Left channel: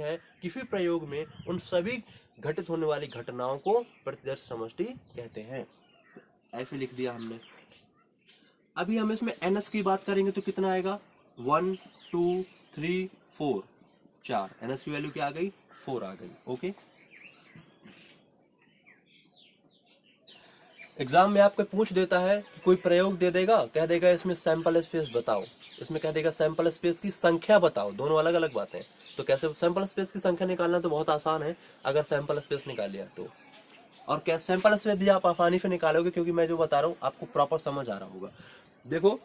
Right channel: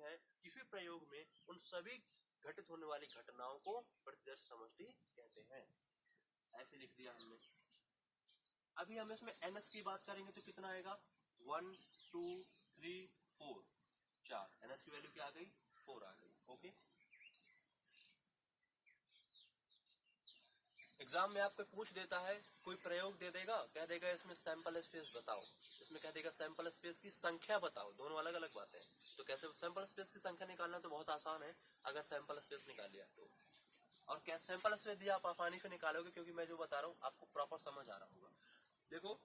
है, किसी प्रयोग में उन सभी घटित होने वाली घटनाओं को प्रतिदर्श समष्टि कहते हैं। ऐसे लिख दिया हमने। अभी हम इसमें एनएस की बात करेंगे तो कितना आएगा, 1 2 3 4, 4। एनएस की वैल्यू क्या आ गई, 4 आ गई। ओके, एग्जाम में आपको पूछ देता है, कोई प्रयोग दे देगा, कह देगा इसमें सैंपल स्पेस बताओ, इसमें कह देगा सैंपल स्पेस की संख्या बताओ, दोनों अलग अलग बातें। तो कैसे सैंपल स्पेस की संख्या निकालना, तो बहुत आसान है अगर सैंपल स्पेस निकाल लिया तो। और क्या सैंपल स्पेस भी आप आसानी से निकालोगे, क्योंकि मैं जो बता रहा हूँ आपको प्रॉपर समझ आ रहा होगा। देखो,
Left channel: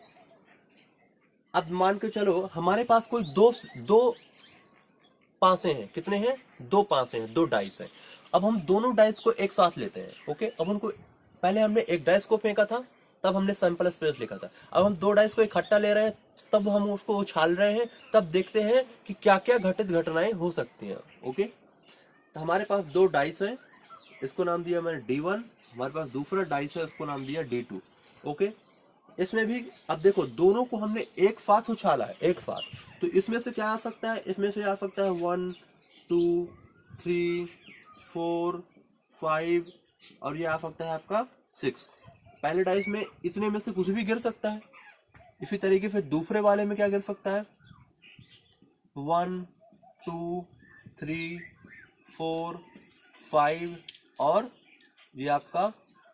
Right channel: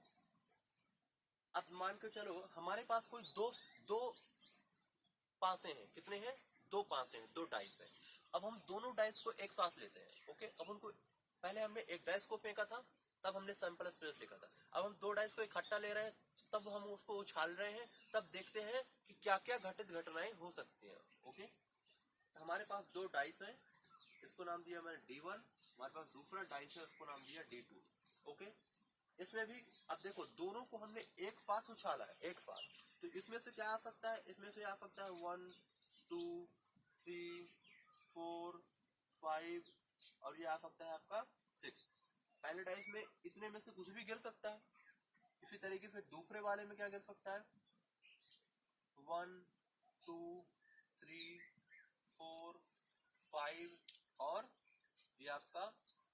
अब मान के चलो हमारे पास कोई दो पासे हैं, कितने हैं, 2 पासे हैं, 2 डाइस हैं। अब हम दोनों डाइस को एक साथ लेते हैं। ओके, अब उनको पहले हमने एक डाइस को फेंका था, तब हमने सैंपल स्पेस लिखा था। अब हम 2 डाइस को इकट्ठा ले रहे हैं, तब हम उसको उछाल रहे हैं, तब देखते हैं कि क्या क्या घटित घटनाएं हो सकती हैं। ओके, तो हमारे पास 2 डाइस हैं, इसको नाम दिया मैंने D1। हमारे पास दूसरा डाइस है, उसको नाम दिया D2। ओके, इसमें भी अब देखो, दोनों को हमने एक साथ उछाला है, एक साथ, तो इसमें से क्या आ सकता है, इसमें से आ सकता है 1 2 3 4 5, और ये आ सकता है आपका 6। पहले डाइस में इतने में से कुछ भी गिर सकता है। इसी तरीके से दूसरे वाले में क्या गिर सकता है, 1 2 3 4 5 और ये आपका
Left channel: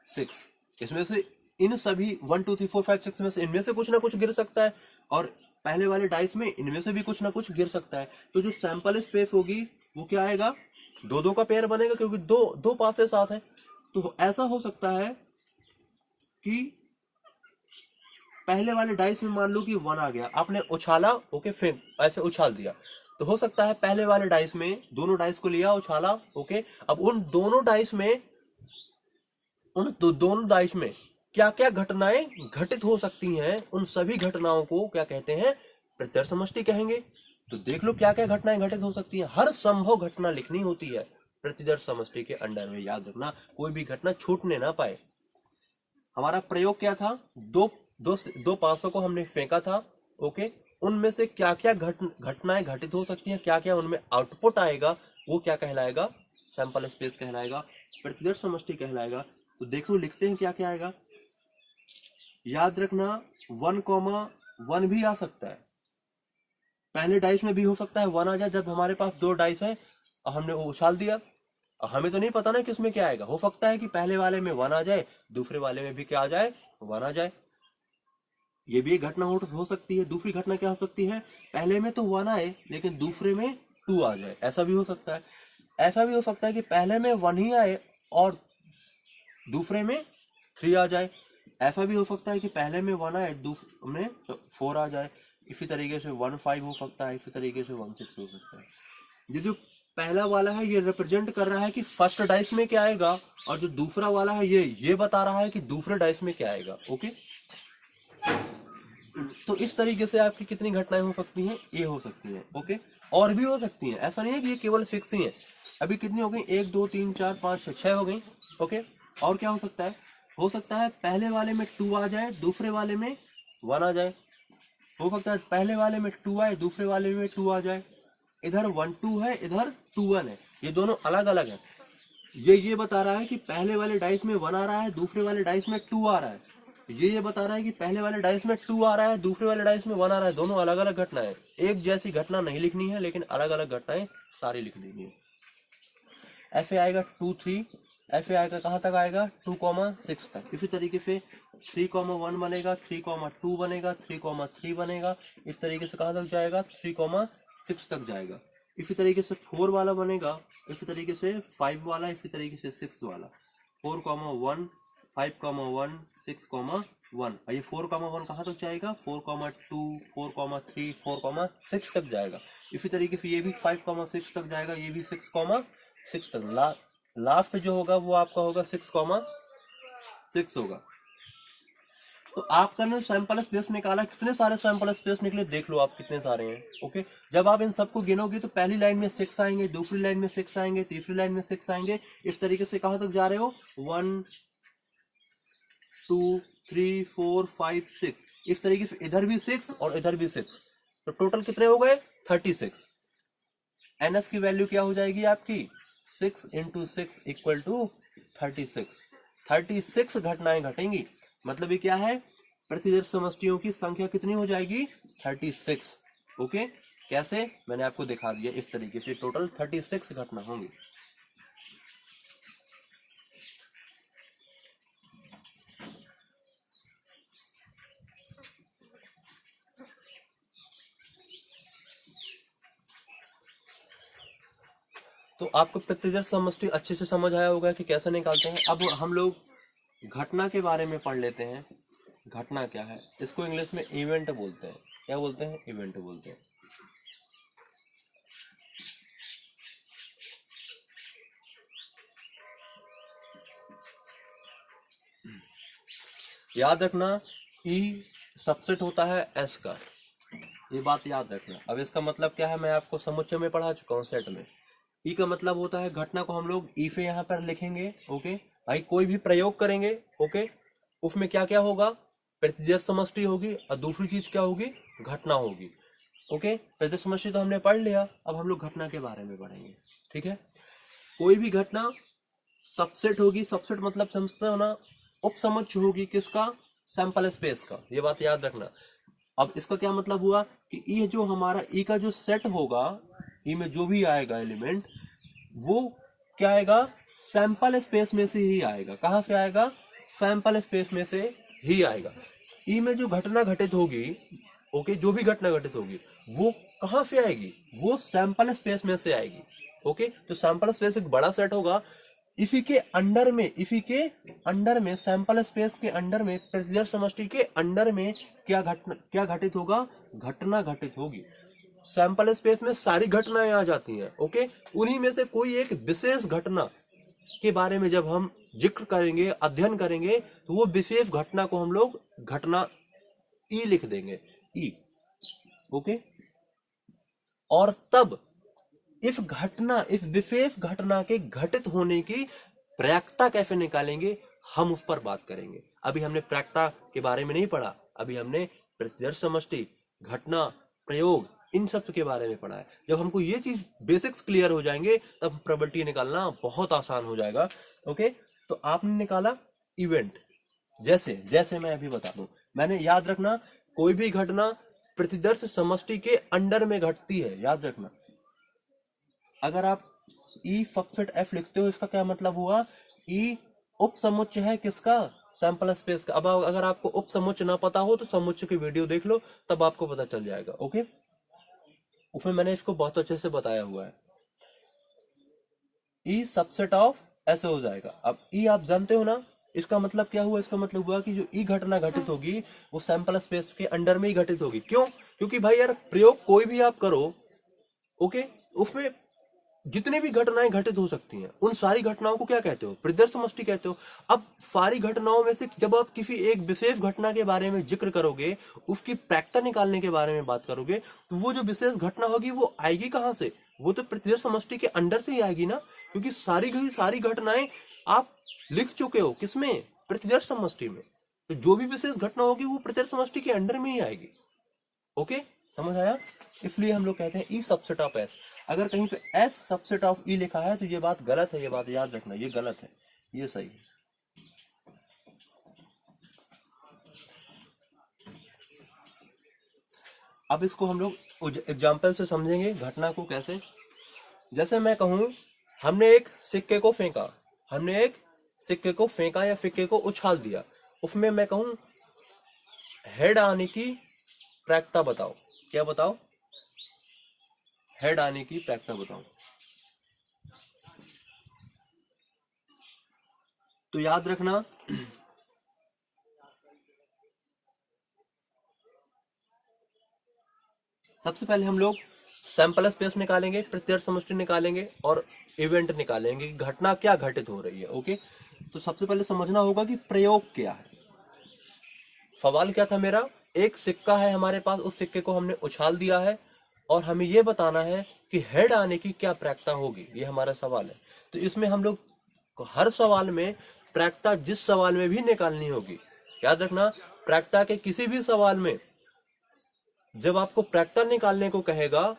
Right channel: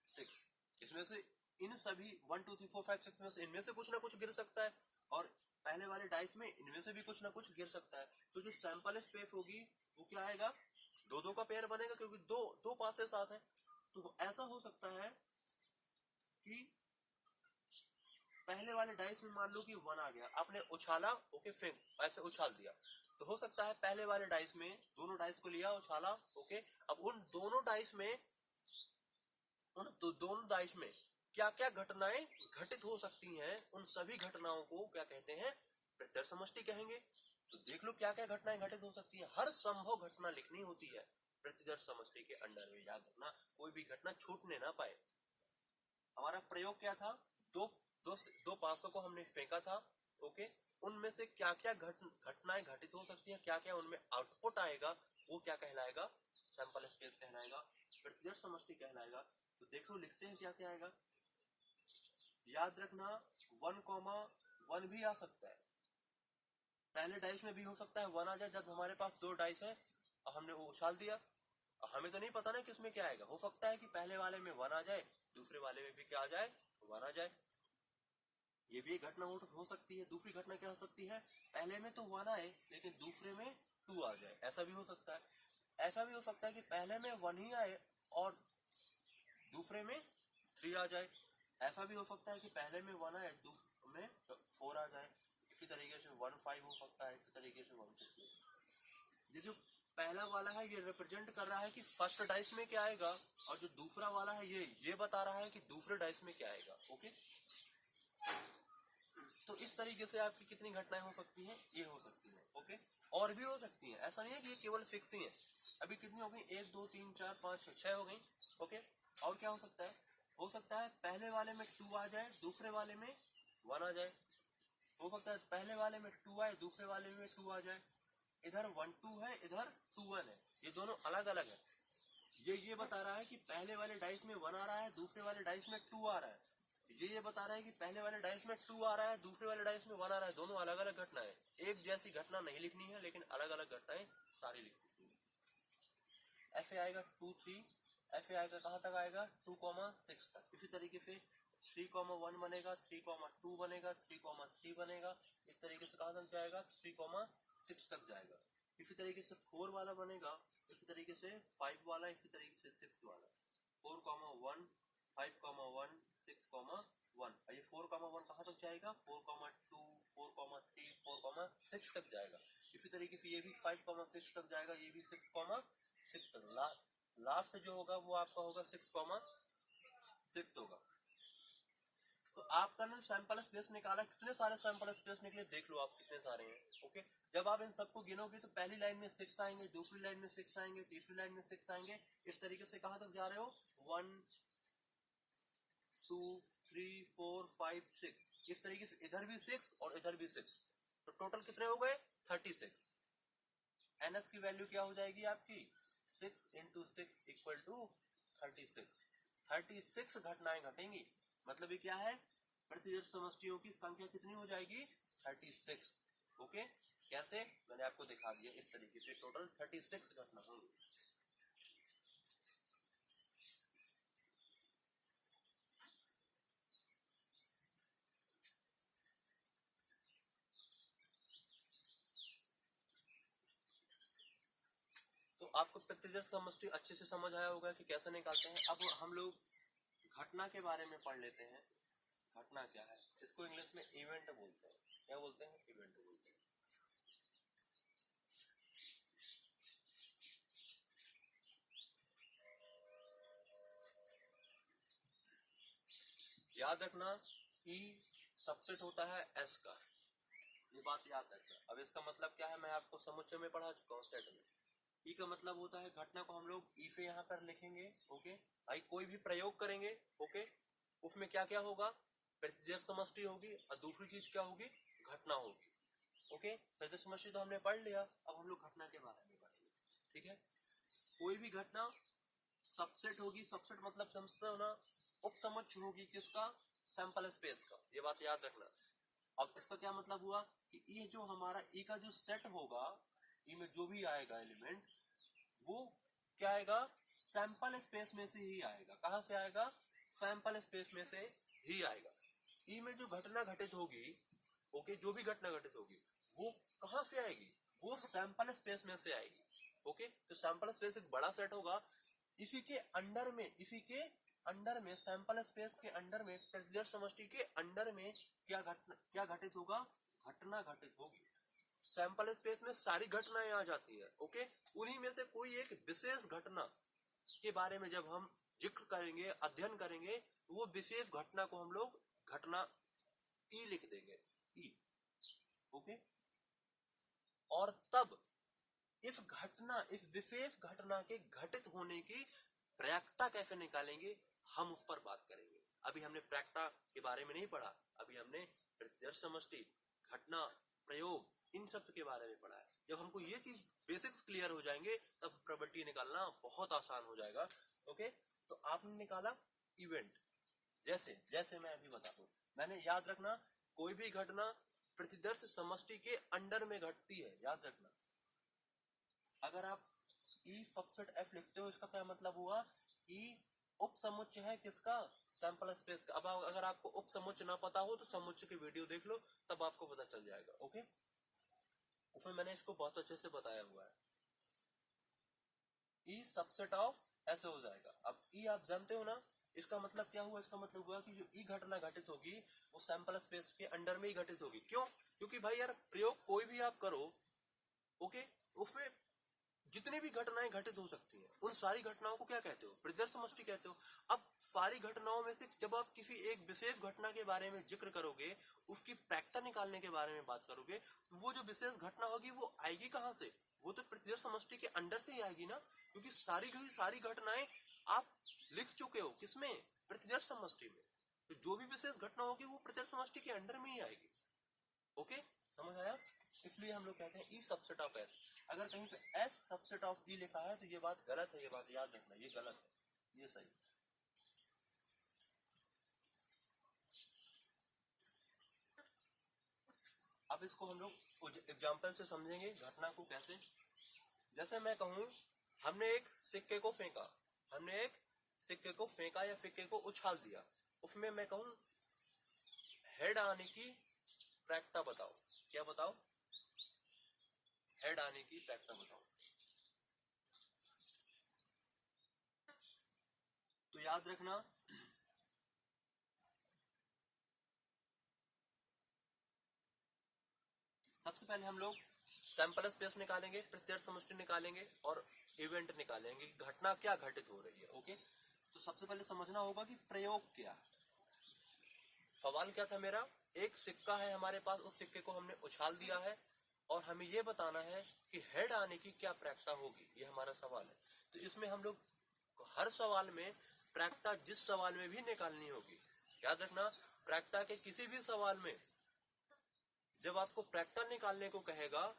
6। इसमें से इन सभी 1 2 3 4 5 6 में से इनमें से कुछ ना कुछ गिर सकता है, और पहले वाले डाइस में इनमें से भी कुछ ना कुछ गिर सकता है। तो जो सैंपल स्पेस होगी वो क्या आएगा, 2 का पेयर बनेगा, क्योंकि दो पासे साथ है। तो ऐसा हो सकता है कि पहले वाले डाइस में मान लो कि 1 आ गया, आपने उछाला, ओके, फेंक ऐसे उछाल दिया, तो हो सकता है पहले वाले डाइस में, दोनों डाइस को लिया, उछाला, ओके, अब उन दोनों डाइस में दोनों डाइस में क्या क्या घटनाएं घटित हो सकती हैं, उन सभी घटनाओं को क्या कहते हैं, प्रत्यक्ष समष्टि कहेंगे। तो देख लो क्या क्या घटनाएं घटित हो सकती हैं, हर संभव घटना लिखनी होती है प्रतिदर्श समष्टि के अंडर में। याद रखना, कोई भी घटना छूटने ना पाए। हमारा प्रयोग क्या था, दो पासों को हमने फेंका था। ओके, उनमें से क्या क्या घटनाएं घटित हो सकती हैं, क्या क्या उनमें आउटपुट आएगा, वो क्या कहलाएगा, सैंपल स्पेस कहलाएगा, प्रतिदर्श समष्टि कहलाएगा। तो देखो लिखते हैं क्या क्या आएगा। याद रखना 1, 1 भी आ सकता है, पहले डाइस में भी हो सकता है 1 आ जाए, जब हमारे पास 2 डाइस है और हमने वो उछाल दिया। हमें तो नहीं पता ना किसमें क्या आएगा, हो सकता है कि पहले वाले में 1 आ जाए, दूसरे वाले में भी क्या आ जाए, 1 आ जाए। ये भी एक घटना हो सकती है। दूसरी घटना क्या हो सकती है, पहले में तो 1 आए लेकिन दूसरे में 2 आ जाए, ऐसा भी हो सकता है। ऐसा भी हो सकता है कि पहले में 1 ही आए और दूसरे में 3 आ जाए। ऐसा भी हो सकता है कि पहले में 1 आए, दूसरे में 4 आ जाए। इसी तरीके से 1 5 हो सकता है, इसी तरीके से 1 6 हो सकता है। ये जो पहला वाला है ये रिप्रेजेंट कर रहा है कि फर्स्ट डाइस में क्या आएगा, और जो दूसरा वाला है ये बता रहा है कि दूसरे डाइस में क्या आएगा। ओके, तो इस तरीके से आपकी कितनी घटनाएं हो सकती हैं, ये हो सकती हैं। ओके, और भी हो सकती हैं, ऐसा नहीं है कि ये केवल फिक्स ही है। अभी कितनी हो गई, 1 2 3 4 5 6 हो गई। ओके, और क्या हो सकता है पहले वाले में 2 आ जाए, दूसरे वाले में 1 आ जाए। हो सकता है पहले वाले में 2 आए, दूसरे वाले में 2 आ जाए। इधर 1 2 है, इधर 2 1 है, ये दोनों अलग अलग है। ये बता रहा है कि पहले वाले डाइस में 1 आ रहा है, दूसरे वाले डाइस में 2 आ रहा है। ये बता रहा है कि पहले वाले डाइस में 2 आ रहा है, दूसरे वाले डाइस में 1 आ रहा है। दोनों अलग अलग घटनाएं, एक जैसी घटना नहीं लिखनी है, लेकिन अलग अलग घटनाएं सारी लिख देनी है। ऐसे आएगा 2 3, ऐसे आएगा कहाँ तक आएगा, 2 6 तक। इसी तरीके से 3 1 बनेगा, 3 2 बनेगा, 3 3 बनेगा। इस तरीके से कहाँ तक जाएगा, 3 6 तक जाएगा। इसी तरीके से 4 वाला बनेगा, इसी तरीके से 5 वाला, इसी तरीके से 6 वाला। 4 1 5 1 6 1, ये 4 1 कहाँ तक जाएगा, 4 2 4 3 4 6 तक जाएगा। इसी तरीके से ये भी 5 6 तक जाएगा, ये भी 6 तक। लास्ट जो होगा वो आपका होगा 6 6 होगा। तो आपका ने सैंपल स्पेस निकाला, कितने सारे सैंपल स्पेस निकले देख लो आप कितने सारे हैं। ओके, जब आप इन सबको गिनोगे तो पहली लाइन में 6 आएंगे, दूसरी लाइन में 6 आएंगे, तीसरी लाइन में 6 आएंगे। इस तरीके से कहां तक जा रहे हो, 1 2 3 4 5 6। इस तरीके से इधर भी 6 और इधर भी 6, तो टोटल कितने हो गए, 36। NS की वैल्यू क्या हो जाएगी आपकी 6 × 6 = 36। 36 घटनाएं घटेंगी, मतलब ये क्या है, प्रतिदर्श समष्टियों की संख्या कितनी हो जाएगी 36। ओके, कैसे, मैंने आपको दिखा दिया इस तरीके से टोटल 36 घटना होंगी। तो आपको प्रतिदर्श समष्टि अच्छे से समझ आया होगा कि कैसे निकालते हैं। अब हम लोग घटना के बारे में पढ़ लेते हैं। घटना क्या है, इसको इंग्लिश में इवेंट बोलते हैं। क्या बोलते हैं, इवेंट बोलते हैं। याद रखना, ई सबसेट होता है एस का, ये बात याद रखना। अब इसका मतलब क्या है, मैं आपको समुच्चय में पढ़ा चुका हूँ सेट में। ई का मतलब होता है घटना को हम लोग ई पे यहाँ पर लिखेंगे। ओके भाई, कोई भी प्रयोग करेंगे, ओके, उसमें क्या क्या होगा, प्रतिदर्श समष्टि होगी और दूसरी चीज क्या होगी, घटना होगी। ओके, प्रतिदर्श समष्टि तो हमने पढ़ लिया, अब हम लोग घटना के बारे में पढ़ेंगे। ठीक है, कोई भी घटना सबसेट होगी। सबसेट मतलब समझते हो ना, उपसमुच्चय होगी किसका, सैंपल स्पेस का, ये बात याद रखना। अब इसका क्या मतलब हुआ कि ये जो हमारा ई का जो सेट होगा, ई में जो भी आएगा एलिमेंट, वो क्या आएगा, सैंपल स्पेस में से ही आएगा। कहां से आएगा, सैंपल स्पेस में से ही आएगा। ई में जो घटना घटित होगी, ओके, जो भी घटना घटित होगी वो कहां से आएगी, वो सैंपल स्पेस में से आएगी। ओके, तो सैंपल स्पेस एक बड़ा सेट होगा, इसी के अंडर में सैंपल स्पेस के अंडर में, प्रतिदर्श समष्टि के अंडर में क्या घटित होगा, घटना घटित होगी। सैंपल स्पेस में सारी घटनाएं आ जाती हैं। ओके, उन्हीं में से कोई एक विशेष घटना के बारे में जब हम जिक्र करेंगे, अध्ययन करेंगे, तो वो विशेष घटना को हम लोग घटना ई लिख देंगे, ई। ओके, और तब इस विशेष घटना के घटित होने की प्रायिकता कैसे निकालेंगे, हम उस पर बात करेंगे। अभी हमने प्रायिकता के बारे में नहीं पढ़ा, अभी हमने प्रतिदर्श समष्टि, घटना, प्रयोग, इन सब के बारे में पढ़ा है। जब हमको ये चीज बेसिक्स क्लियर हो जाएंगे, तब प्रोबेबिलिटी निकालना बहुत आसान हो जाएगा। ओके, तो आपने निकाला इवेंट, जैसे मैं अभी बता दूं, मैंने, याद रखना, कोई भी घटना प्रतिदर्श समष्टि के अंडर में घटती है, याद रखना। अगर आप ई सबसेट एफ लिखते हो, इसका क्या मतलब हुआ, ई उप समुच्चय है किसका, सैंपल स्पेस का। अब अगर आपको उप समुच्चय ना पता हो तो समुच्चय की वीडियो देख लो, तब आपको पता चल जाएगा। ओके, उसमें मैंने इसको बहुत अच्छे से बताया हुआ है। ई सबसेट ऑफ ऐसे हो जाएगा। अब ई आप जानते हो ना, इसका मतलब क्या हुआ, इसका मतलब हुआ कि जो ई घटना घटित होगी वो सैंपल स्पेस के अंडर में ही घटित होगी। क्यों, क्योंकि भाई यार, प्रयोग कोई भी आप करो, ओके, उसमें जितनी भी घटनाएं घटित हो सकती हैं, उन सारी घटनाओं को क्या कहते हो, प्रतिदर्श समष्टि कहते हो। अब सारी घटनाओं में से जब आप किसी एक विशेष घटना के बारे में जिक्र करोगे, उसकी प्रायिकता निकालने के बारे में बात करोगे, तो वो जो विशेष घटना होगी वो आएगी कहां से, वो तो प्रतिदर्श समष्टि के अंदर से ही आएगी ना, क्योंकि सारी घटनाएं आप लिख चुके हो किसमें, प्रतिदर्श समष्टि में। तो जो भी विशेष घटना होगी वो प्रतिदर्श समष्टि के अंडर में ही आएगी। ओके, समझ आया। इसलिए हम लोग कहते हैं ई सबसेट ऑफ एस। अगर कहीं पे एस सबसेट ऑफ ई लिखा है तो ये बात गलत है, ये बात याद रखना, ये गलत है, ये सही है। अब इसको हम लोग एग्जाम्पल से समझेंगे घटना को कैसे। जैसे मैं कहूं, हमने एक सिक्के को फेंका या सिक्के को उछाल दिया, उसमें मैं कहूं हेड आने की प्रायिकता बताओ। क्या बताओ, हेड आने की प्रायिकता बताओ। तो याद रखना, सबसे पहले हम लोग सैंपल स्पेस निकालेंगे, प्रतिदर्श समष्टि निकालेंगे और इवेंट निकालेंगे कि घटना क्या घटित हो रही है। ओके, तो सबसे पहले समझना होगा कि प्रयोग क्या है। सवाल क्या था मेरा, एक सिक्का है हमारे पास, उस सिक्के को हमने उछाल दिया है और हमें यह बताना है कि हेड आने की क्या प्रायिकता होगी, ये हमारा सवाल है। तो इसमें हम लोग हर सवाल में प्रायिकता जिस सवाल में भी निकालनी होगी, याद रखना, प्रायिकता के किसी भी सवाल में जब आपको प्रायिकता निकालने को कहेगा,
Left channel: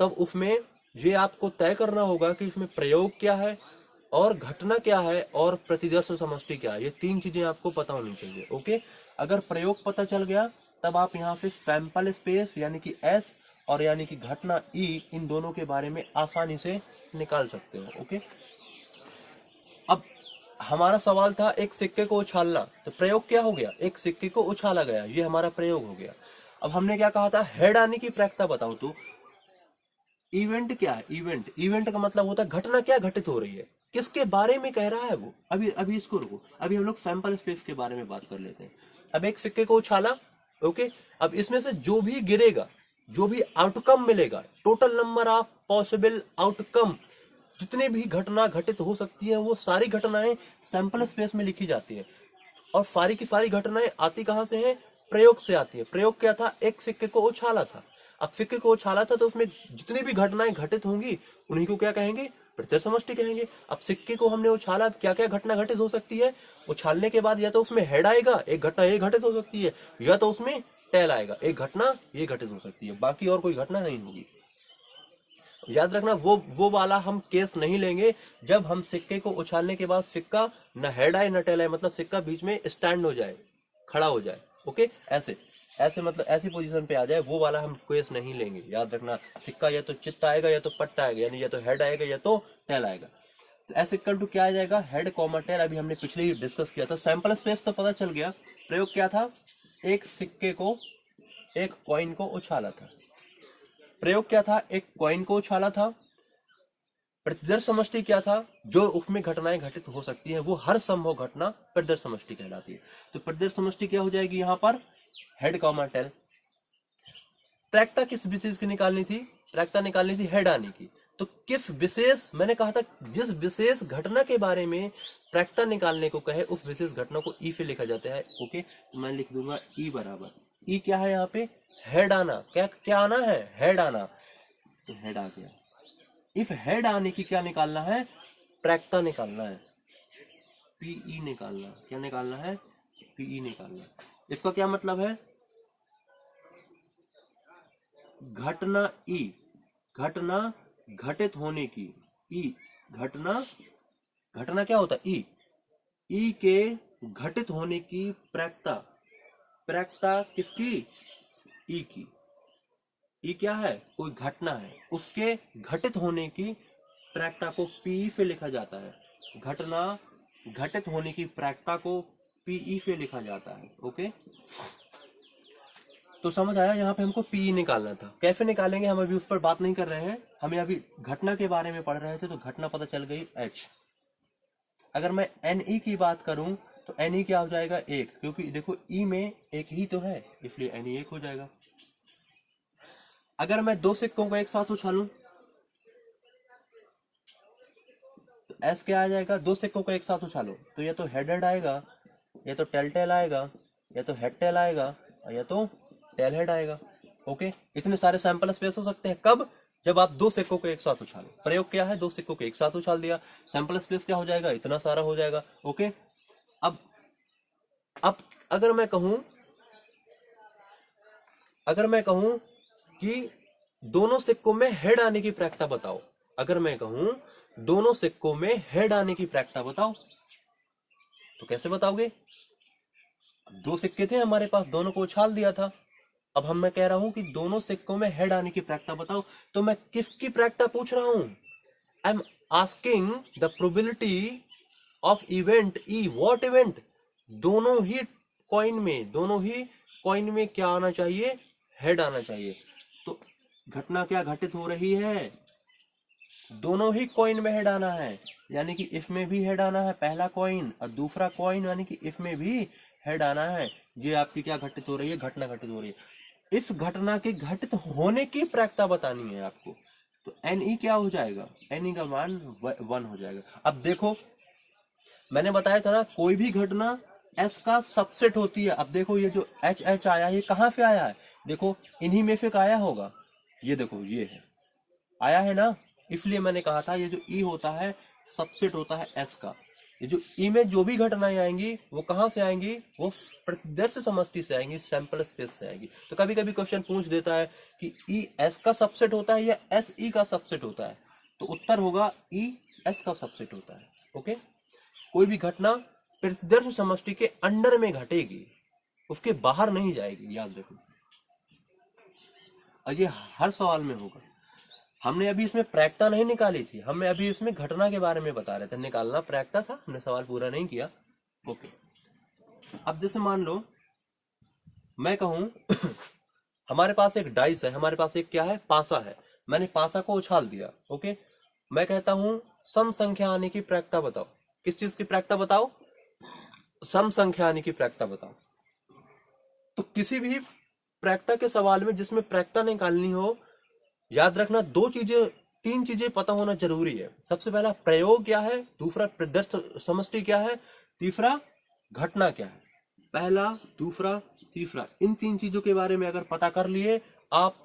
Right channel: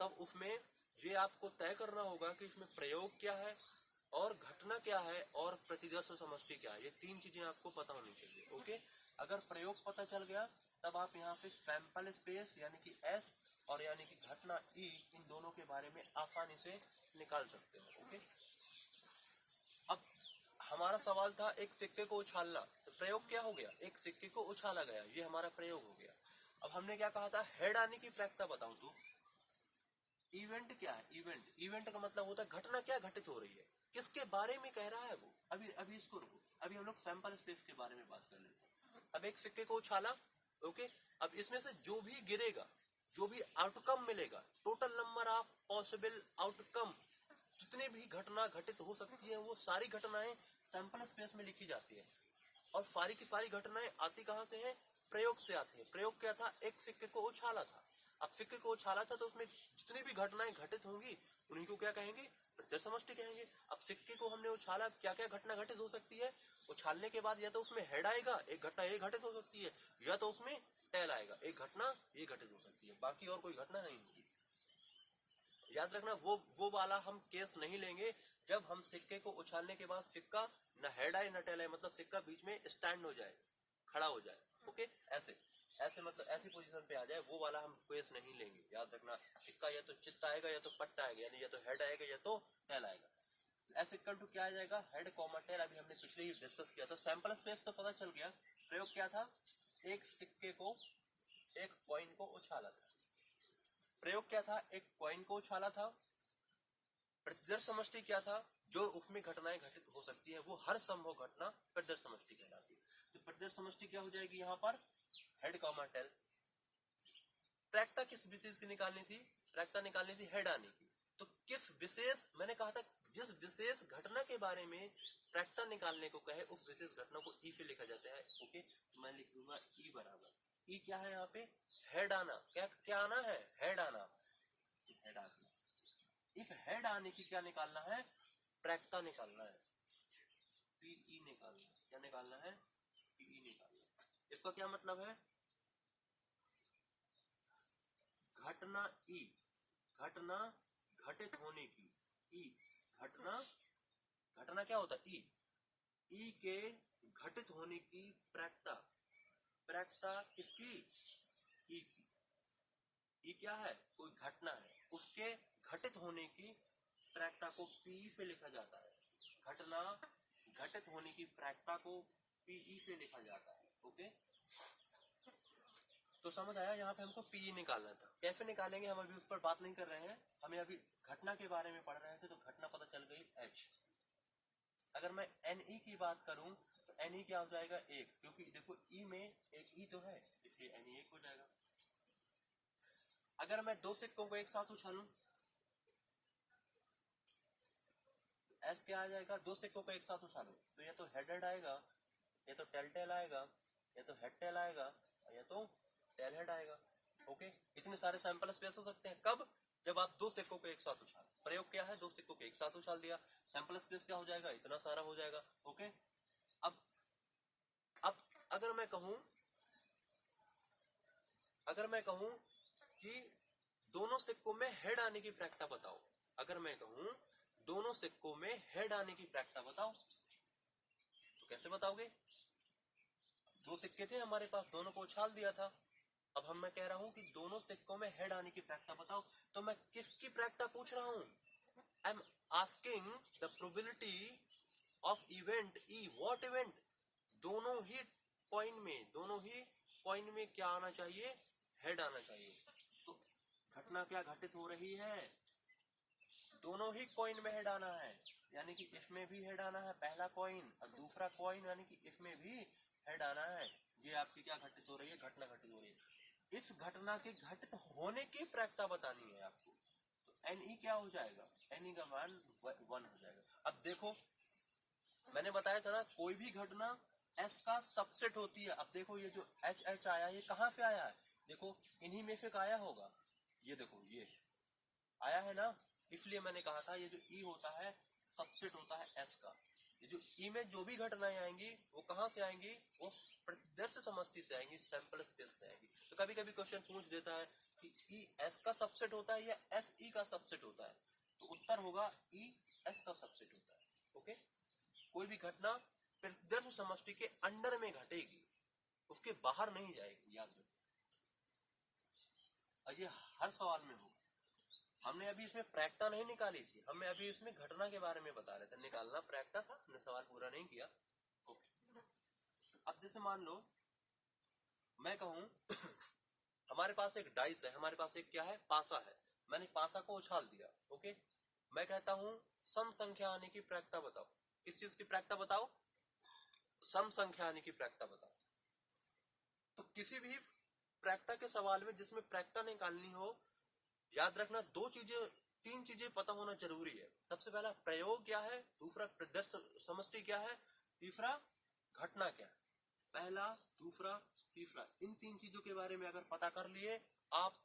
तब उसमें ये आपको तय करना होगा कि इसमें प्रयोग क्या है और घटना क्या है और प्रतिदर्श समष्टि क्या है। ये तीन चीजें आपको पता होनी चाहिए। ओके, अगर प्रयोग पता चल गया तब आप यहाँ पे सैंपल स्पेस यानी कि एस और यानी कि घटना ई, इन दोनों के बारे में आसानी से निकाल सकते हो। ओके, अब हमारा सवाल था एक सिक्के को उछालना, तो प्रयोग क्या हो गया, एक सिक्के को उछाला गया, ये हमारा प्रयोग हो गया। अब हमने क्या कहा था, हेड आने की प्रायिकता बताओ। तो इवेंट क्या है, इवेंट, इवेंट का मतलब होता है घटना क्या घटित हो रही है, किसके बारे में कह रहा है वो। अभी अभी इसको रुको, अभी हम लोग सैंपल स्पेस के बारे में बात कर लेते हैं। अब एक सिक्के को उछाला, ओके, अब इसमें से जो भी गिरेगा, जो भी आउटकम मिलेगा, total number of possible outcome, जितने भी घटना घटित हो सकती है वो सारी घटनाएं सैंपल स्पेस में लिखी जाती है। और सारी की सारी घटनाएं आती कहां से हैं, प्रयोग से आती है। प्रयोग क्या था, एक सिक्के को उछाला था। अब सिक्के को उछाला था तो उसमें जितनी भी घटनाएं घटित होंगी उन्हीं को क्या कहेंगे, प्रत्यक्ष समष्टि कहेंगे। अब सिक्के को हमने उछाला, अब क्या क्या घटना घटित हो सकती है, उछालने के बाद या तो उसमें हेड आएगा, एक घटना ये घटित हो सकती है, या तो उसमें टेल आएगा, एक घटना ये घटित हो सकती है, बाकी और कोई घटना नहीं होगी। याद रखना वो वाला हम केस नहीं लेंगे जब हम सिक्के को उछालने के बाद सिक्का न हेड आए न टेल आए, मतलब सिक्का बीच में स्टैंड हो जाए, खड़ा हो जाए। ओके, ऐसे ऐसे मतलब ऐसी पोजीशन पे आ जाए, वो वाला हम केस नहीं लेंगे। याद रखना, सिक्का या तो चित्त आएगा या तो पट्ट आएगा, यानी या तो हेड आएगा या तो टेल आएगा। तो एस इक्वल टू क्या आ जाएगा, हेड कॉमा टेल। अभी हमने पिछले ही डिस्कस किया था। सैंपल स्पेस तो पता चल गया। प्रयोग क्या था, एक सिक्के को, एक कॉइन को उछाला था। प्रयोग क्या था, एक कॉइन को उछाला था। प्रतिदर्श समष्टि क्या था, जो उसमें घटनाएं घटित हो सकती हैं वो हर संभव घटना प्रतिदर्श समष्टि कहलाती है। तो प्रतिदर्श समष्टि क्या हो जाएगी यहाँ पर, हेड कॉमा टेल। प्रायिकता किस विशेष की निकालनी थी, प्रायिकता निकालनी थी हेड आने की। तो किस विशेष, मैंने कहा था जिस विशेष घटना के बारे में प्रायिकता निकालने को कहे उस विशेष घटना को ई से लिखा जाता है। ओके, तो मैं लिख दूंगा ई बराबर, ई क्या है यहाँ पे, हेड आना। क्या क्या आना है, हेड आना, तो हेड आ गया। इफ हेड आने की क्या निकालना है, प्रायिकता निकालना है, पीई निकालना। क्या निकालना है, पीई निकालना। इसका क्या मतलब है, घटना ई, घटना घटित होने की, ई घटना, घटना क्या होता है, ई के घटित होने की प्रायिकता, प्रायिकता किसकी, ई की। ई क्या है, कोई घटना है, उसके घटित होने की प्रायिकता को पी से लिखा जाता है। घटना घटित होने की प्रायिकता को पीई से लिखा जाता है। ओके, तो समझ आया, यहाँ पे हमको पीई निकालना था। कैसे निकालेंगे हम अभी उस पर बात नहीं कर रहे हैं, हमें अभी घटना के बारे में पढ़ रहे थे। तो घटना पता चल गई एच। अगर मैं एन ई की बात करूं तो एन ई क्या हो जाएगा, एक, क्योंकि देखो ई में एक ही तो है, इसलिए एन ई एक हो जाएगा। अगर मैं दो सिक्कों को एक साथ उछालूं तो एस क्या आ जाएगा, दो सिक्कों को एक साथ उछालो तो या तो हेड हेड आएगा, या तो टेल टेल आएगा, या तो हेड टेल आएगा, या तो टेल हेड आएगा। ओके, इतने सारे सैंपल स्पेस हो सकते हैं कब, जब आप दो सिक्कों को एक साथ उछालो। प्रयोग क्या है, दो सिक्कों को एक साथ उछाल दिया, सैंपल स्पेस क्या हो जाएगा, इतना सारा हो जाएगा। ओके, अब अगर मैं कहूं, अगर मैं कहूं कि दोनों सिक्कों में हेड आने की प्रायिकता बताओ, अगर मैं कहूं दोनों सिक्कों में हेड आने की प्रायिकता बताओ, तो कैसे बताओगे, दो सिक्के थे हमारे पास, दोनों को उछाल दिया था। अब मैं कह रहा हूं कि दोनों सिक्कों में हेड आने की प्रायिकता बताओ, तो मैं किसकी प्रायिकता पूछ रहा हूं, I am asking the probability of event E. What event, दोनों ही कॉइन में, दोनों ही कॉइन में क्या आना चाहिए, हेड आना चाहिए। तो घटना क्या घटित हो रही है, दोनों ही कॉइन में हेड आना है, यानी कि इसमें भी हेड आना है, पहला कॉइन और दूसरा कॉइन, यानी कि इसमें भी हेड आना है। ये आपकी क्या घटित हो रही है, घटना घटित हो रही है। इस घटना के घटित होने की प्रायिकता बतानी है आपको। तो एन ई क्या हो जाएगा, एन ई का मान 1 हो जाएगा। अब देखो मैंने बताया था ना, कोई भी घटना एस का सबसेट होती है। अब देखो ये जो एच एच आया है, ये कहां से आया है, देखो इन्हीं में से आया होगा। ये देखो ये है, आया है ना, इसलिए मैंने कहा था ये जो ई होता है सबसेट होता है एस का। ये जो ई में जो भी घटनाएं आएंगी वो कहां से आएंगी, वो प्रतिदर्श समष्टि से आएंगी, सैंपल स्पेस से आएंगी। तो कभी कभी क्वेश्चन पूछ देता है कि ई एस का सबसेट होता है या एस ई का सबसेट होता है, तो उत्तर होगा ई एस का सबसेट होता है। ओके, कोई भी घटना प्रतिदर्श समष्टि के अंडर में घटेगी, उसके बाहर नहीं जाएगी, याद रखो। और ये हर सवाल में होगा। हमने अभी इसमें प्रायिकता नहीं निकाली थी, हमें अभी इसमें घटना के बारे में बता रहे थे, निकालना प्रायिकता था, हमने सवाल पूरा नहीं किया। ओके, अब जैसे मान लो मैं कहूं हमारे पास एक डाइस है, हमारे पास एक क्या है, पासा है, मैंने पासा को उछाल दिया। ओके, मैं कहता हूं सम संख्या आने की प्रायिकता बताओ। किस चीज की प्रायिकता बताओ? सम संख्या आने की प्रायिकता बताओ। तो किसी भी प्रायिकता के सवाल में जिसमें प्रायिकता निकालनी हो, याद रखना तीन चीजें पता होना जरूरी है। सबसे पहला प्रयोग क्या है, दूसरा प्रदर्श समष्टि क्या है, तीसरा घटना क्या है। पहला, दूसरा, तीसरा, इन तीन चीजों के बारे में अगर पता कर लिए, आप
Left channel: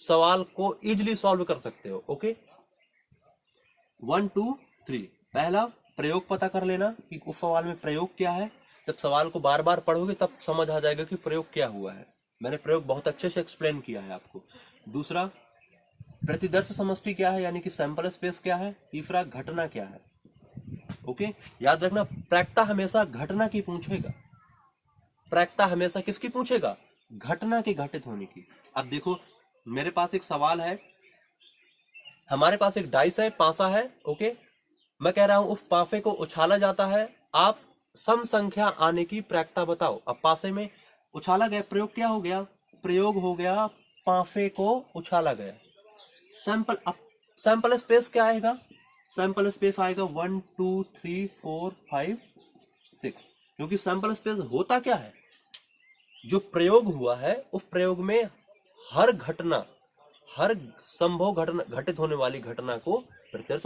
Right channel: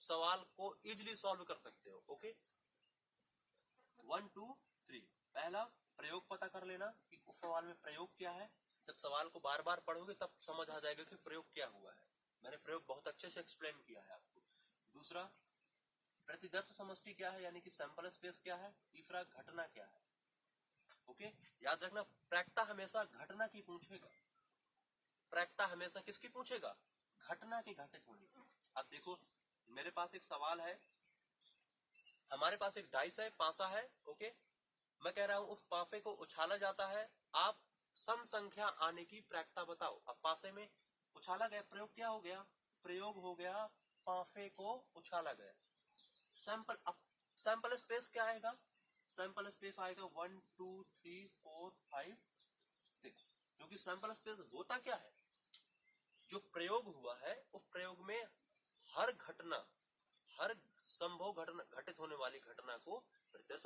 सवाल को इजीली सॉल्व कर सकते हो। ओके, 1 2 3। पहला, प्रयोग पता कर लेना कि उस सवाल में प्रयोग क्या है। जब सवाल को बार बार पढ़ोगे तब समझ आ जाएगा कि प्रयोग क्या हुआ है। मैंने प्रयोग बहुत अच्छे से एक्सप्लेन किया है आपको। दूसरा, प्रतिदर्श समष्टि क्या है, यानी कि सैंपल स्पेस क्या है। तीसरा, घटना क्या है। ओके, याद रखना प्रायिकता हमेशा घटना की पूछेगा। प्रायिकता हमेशा किसकी पूछेगा? घटना के घटित होने की। अब देखो, मेरे पास एक सवाल है, हमारे पास एक डाइस है, पासा है। ओके, मैं कह रहा हूं उस पासे को उछाला जाता है, आप सम संख्या आने की प्रायिकता बताओ। अब पासे में उछाला गया, प्रयोग क्या हो गया? प्रयोग हो गया, पासे को उछाला गया। सैंपल, अब सैंपल स्पेस क्या आएगा? सैंपल स्पेस आएगा 1 2 3 4 5 6। क्योंकि सैंपल स्पेस होता क्या है, जो प्रयोग हुआ है उस प्रयोग में हर घटना, हर संभव घटना, घटित होने वाली घटना को प्रदर्श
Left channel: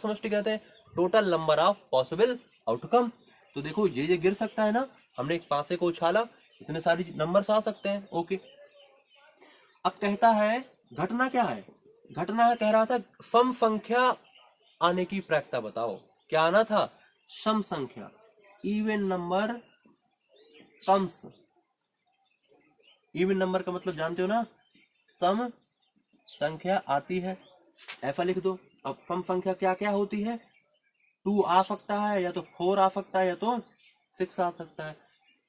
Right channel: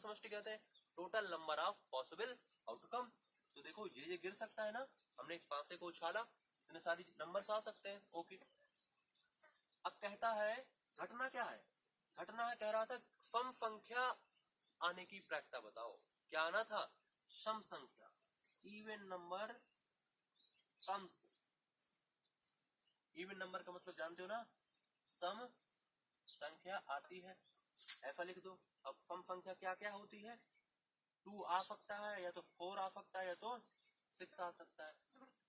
समष्टि कहते हैं। Total number of possible outcome. तो देखो ये गिर सकता है ना, हमने एक पासे को उछाला, इतने सारी नंबर्स आ सकते हैं। ओके, अब कहता है घटना क्या है? घटना है, कह रहा था सम संख्या आने की प्रायिकता बताओ। क्या आना था? सम संख्या, even number comes. Even number का मतलब जानते हो ना, सम संख्या आती है, ऐसा लिख दो। अब सम संख्या क्या क्या होती है? 2 आ सकता है, या तो 4 आ सकता है, या तो 6 आ सकता है।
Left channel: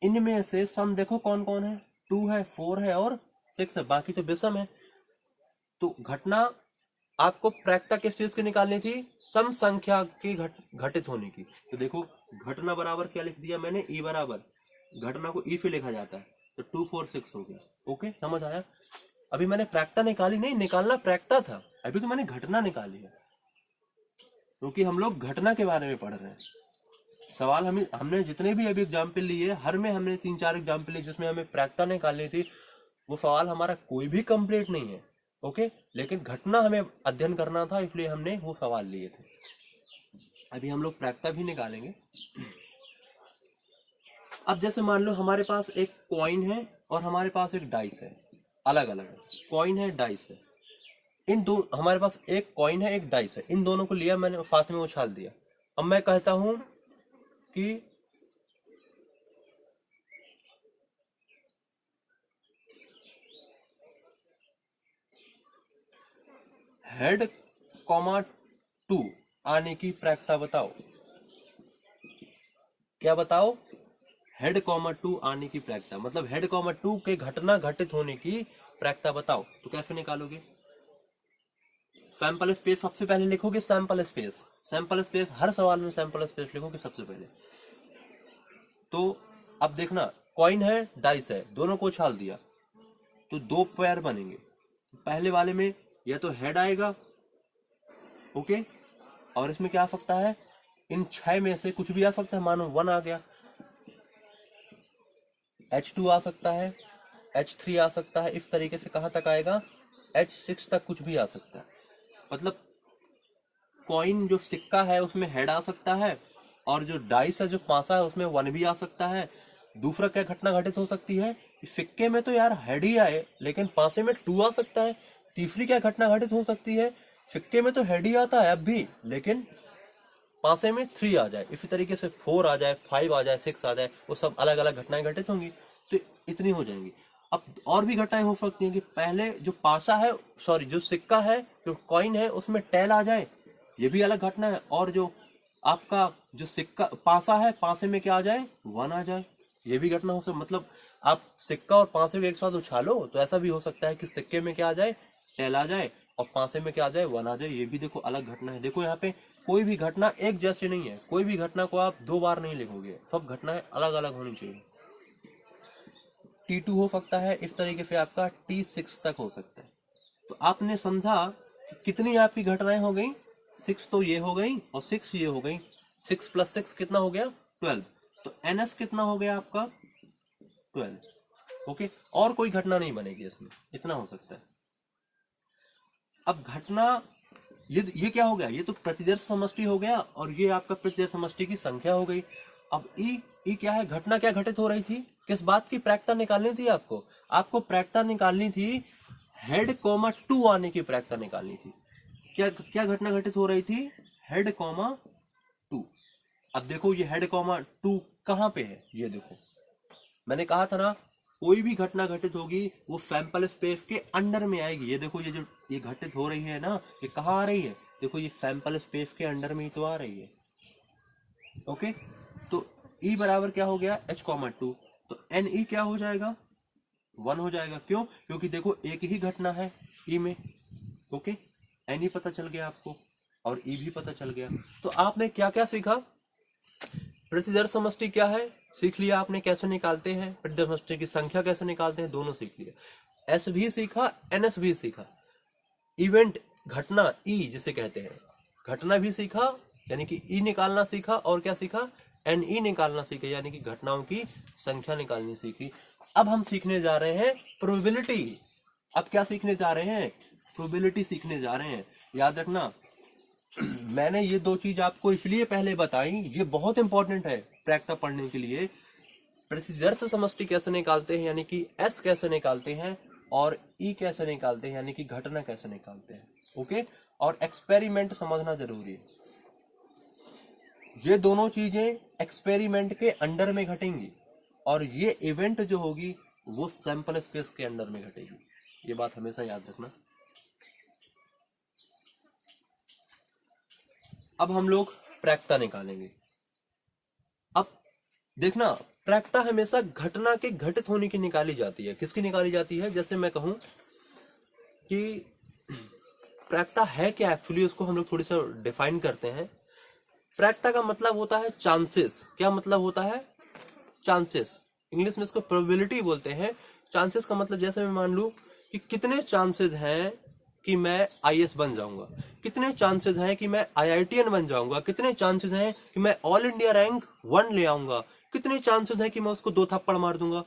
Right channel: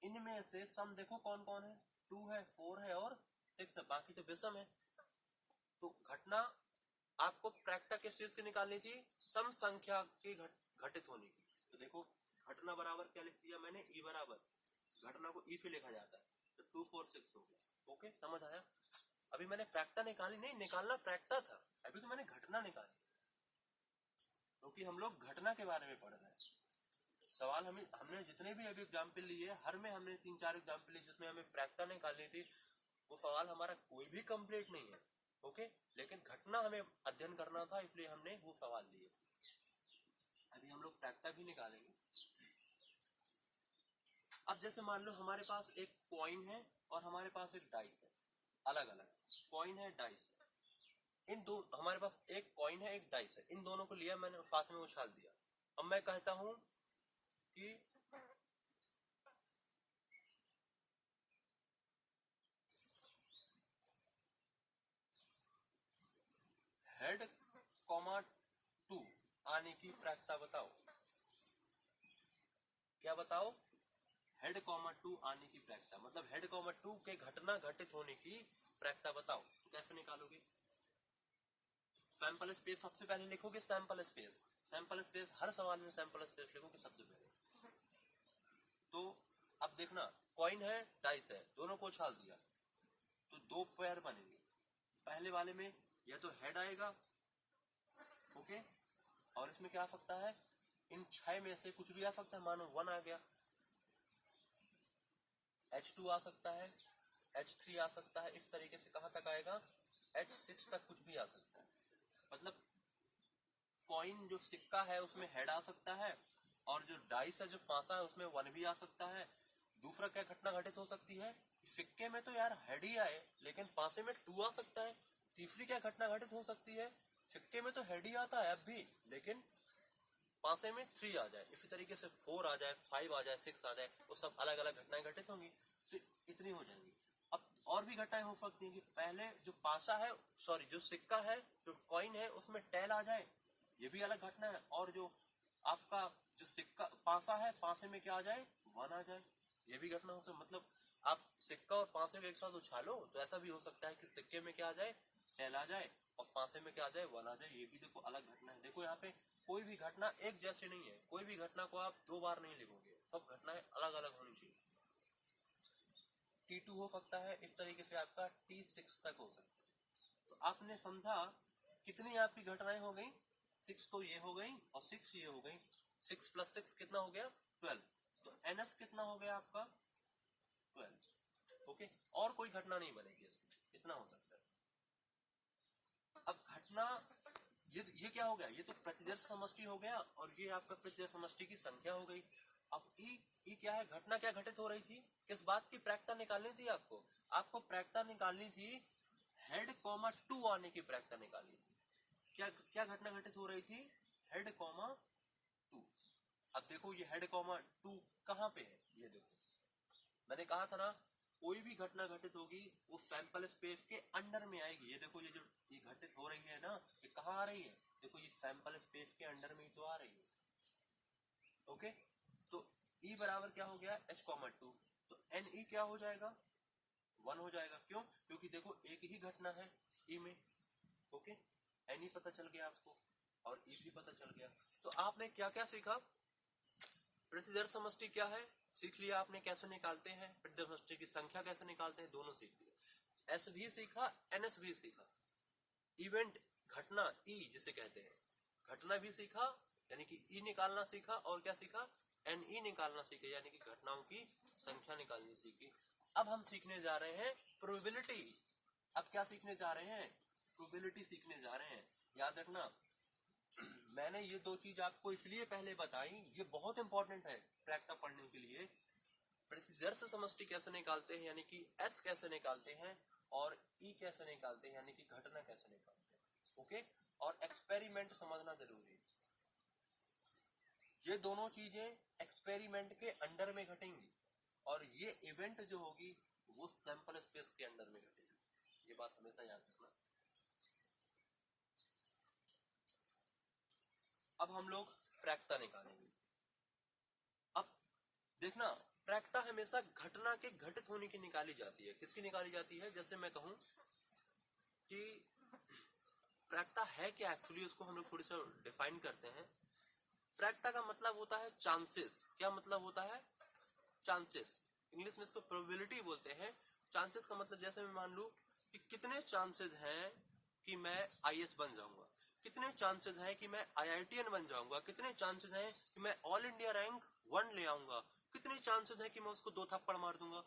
इनमें से सम देखो कौन कौन है, 2 है, 4 है और 6 है, बाकी तो विषम है। तो घटना आपको प्रायिकता किस चीज की निकालनी थी? सम संख्या की घटित होने की। तो देखो घटना बराबर क्या लिख दिया मैंने, ई बराबर, घटना को ई से लिखा जाता है, तो 2 4 6 हो गया। ओके, समझ आया? अभी मैंने प्रायिकता निकाली नहीं, निकालना प्रायिकता था, अभी तो मैंने घटना निकाली है, क्योंकि हम लोग घटना के बारे में पढ़ रहे हैं। सवाल हमने जितने भी अभी एग्जाम्पल लिए, हर में हमने 3 4 एग्जाम्पल लिए जिसमें हमें प्रायिकता निकालनी थी, वो सवाल हमारा कोई भी कंप्लीट नहीं है। ओके, लेकिन घटना हमें अध्ययन करना था, इसलिए हमने वो सवाल लिए थे। अभी हम लोग प्रायिकता भी निकालेंगे। अब जैसे मान लो हमारे पास एक कॉइन है और हमारे पास एक डाइस है, अलग अलग है, कॉइन है, डाइस है। इन दो, हमारे पास एक कॉइन है, एक डाइस है, इन दोनों को लिया मैंने, साथ में उछाल दिया। अब मैं कहता हूं कि हेड कॉमा 2 आने की प्रायिकता बताओ। क्या बताओ? हेड कॉमा 2 आने की प्रायिकता, मतलब हेड कॉमा 2 के घटना घटित होने की प्रायिकता बताओ। तो कैसे निकालोगे? सैंपल स्पेस सबसे पहले लिखोगे, सैंपल स्पेस, सैंपल स्पेस हर सवाल में सैंपल स्पेस लिखोगे सबसे पहले। तो अब देखना, कॉइन है, डाइस है, दोनों को उछाल दिया तो 2 पेयर बनेंगे। पहले वाले में या तो हेड आएगा, ओके, और इसमें क्या आ सकता है, इन 6 में से कुछ भी आ सकता है। मानो 1 आ गया, H2 आ सकता है, H3 आ सकता है, इस तरीके से कहां तक आएगा, H6 तक कुछ भी आ सकता है। मतलब कॉइन जो सिक्का है उसमें हेड आ सकता है, और जो डाइस है, जो पासा है, उसमें 1 भी आ सकता है। दूसरा क्या घटना घटित हो सकती है? सिक्के में तो यार हेड ही आए, लेकिन पासे में 2 आ सकता है। तीसरी क्या घटना घटित हो सकती है? सिक्के में तो हेड ही आता है अब भी, लेकिन पासे में 3 आ जाए, इसी तरीके से 4 आ जाए, 5 आ जाए, 6 आ जाए, वो सब अलग अलग घटनाएं घटित होंगी। तो इतनी हो जाएंगी। अब और भी घटनाएं हो सकती हैं कि पहले जो पासा है, सॉरी जो सिक्का है, जो कॉइन है, उसमें टेल आ जाए, ये भी अलग घटना है। और जो आपका जो सिक्का पासा है, पासे में क्या आ जाए, 1 आ जाए, ये भी घटना हो सकती। मतलब आप सिक्का और पासे को एक साथ उछालो तो ऐसा भी हो सकता है कि सिक्के में क्या आ जाए, टेल आ जाए, और पासे में क्या आ जाए, 1 आ जाए। ये भी देखो अलग घटना है। देखो यहाँ पे कोई भी घटना एक जैसी नहीं है, कोई भी घटना को आप 2 बार नहीं लिखोगे, सब घटनाएं अलग अलग होनी चाहिए। T2 हो सकता है, इस तरीके से आपका T6 तक हो सकता है। तो आपने समझा कितनी आपकी घटनाएं हो गई, 6 तो ये हो गई और 6 ये हो गई। 6 + 6 कितना हो गया, 12। तो NS कितना हो गया आपका, 12। ओके, और कोई घटना नहीं बनेगी इसमें, इतना हो सकता है। अब घटना ये क्या हो गया, ये तो प्रतिदर्श समष्टि हो गया, और ये आपका प्रतिदर्श समष्टि की संख्या हो गई। अब ई क्या है, घटना क्या घटित हो रही थी, किस बात की प्रायिकता निकालनी थी आपको प्रायिकता निकालनी थी, हेड कॉमा 2 आने की प्रायिकता निकालनी थी। क्या घटना घटित हो रही थी, हेड कॉमा 2। अब देखो ये हेड कॉमा 2 कहाँ पे है, ये देखो मैंने कहा था ना, कोई भी घटना घटित होगी वो सैंपल स्पेस के अंडर में आएगी। ये देखो ये जो ये घटित हो रही है ना, ये कहाँ आ रही है, देखो ये सैंपल स्पेस के अंडर में ही तो आ रही है। ओके, तो E बराबर क्या हो गया, H,2। तो NE क्या हो जाएगा, 1 हो जाएगा। क्यों, क्योंकि देखो एक ही घटना है E में। ओके, NE पता चल गया आपको और E भी पता चल गया। तो आपने क्या क्या सीखा, प्रतिदर्श समष्टि क्या है सीख लिया आपने, कैसे निकालते हैं, प्रतिदर्श समष्टि की संख्या कैसे निकालते हैं, दोनों सीख लिया। S भी सीखा, NS भी सीखा। इवेंट घटना E जिसे कहते हैं, घटना भी सीखा, यानी कि E निकालना सीखा, और क्या सीखा, NE निकालना सीखा, यानी कि घटनाओं की संख्या निकालनी सीखी। अब हम सीखने जा रहे हैं प्रोबेबिलिटी। अब क्या सीखने जा रहे हैं, प्रोबेबिलिटी सीखने जा रहे हैं। याद रखना मैंने ये 2 चीज आपको इसलिए पहले बताई, ये बहुत इंपॉर्टेंट है प्रायिकता पढ़ने के लिए। प्रतिदर्श समष्टि कैसे निकालते हैं, यानी कि S कैसे निकालते हैं, और E कैसे निकालते हैं, यानी कि घटना कैसे निकालते हैं। ओके, और एक्सपेरिमेंट समझना जरूरी है। ये दोनों चीजें एक्सपेरिमेंट के अंडर में घटेंगी, और ये इवेंट जो होगी वो सैंपल स्पेस के अंडर में घटेगी। ये बात हमेशा याद रखना। अब हम लोग प्रायिकता निकालेंगे। अब देखना, प्रायिकता हमेशा घटना के घटित होने की निकाली जाती है। किसकी निकाली जाती है, जैसे मैं कहूं कि प्रायिकता है क्या, एक्चुअली उसको हम लोग थोड़ी सा डिफाइन करते हैं। प्रायिकता का मतलब होता है चांसेस। क्या मतलब होता है, चांसेस। इंग्लिश में इसको प्रोबेबिलिटी बोलते हैं। चांसेस का मतलब, जैसे मैं मान लूं कि कितने चांसेस हैं कि मैं IAS बन जाऊंगा, कितने चांसेस हैं कि मैं IITN बन जाऊंगा, कितने चांसेस हैं कि मैं ऑल इंडिया रैंक 1 ले आऊंगा, कितने चांसेस हैं कि मैं उसको 2 थप्पड़ मार दूंगा।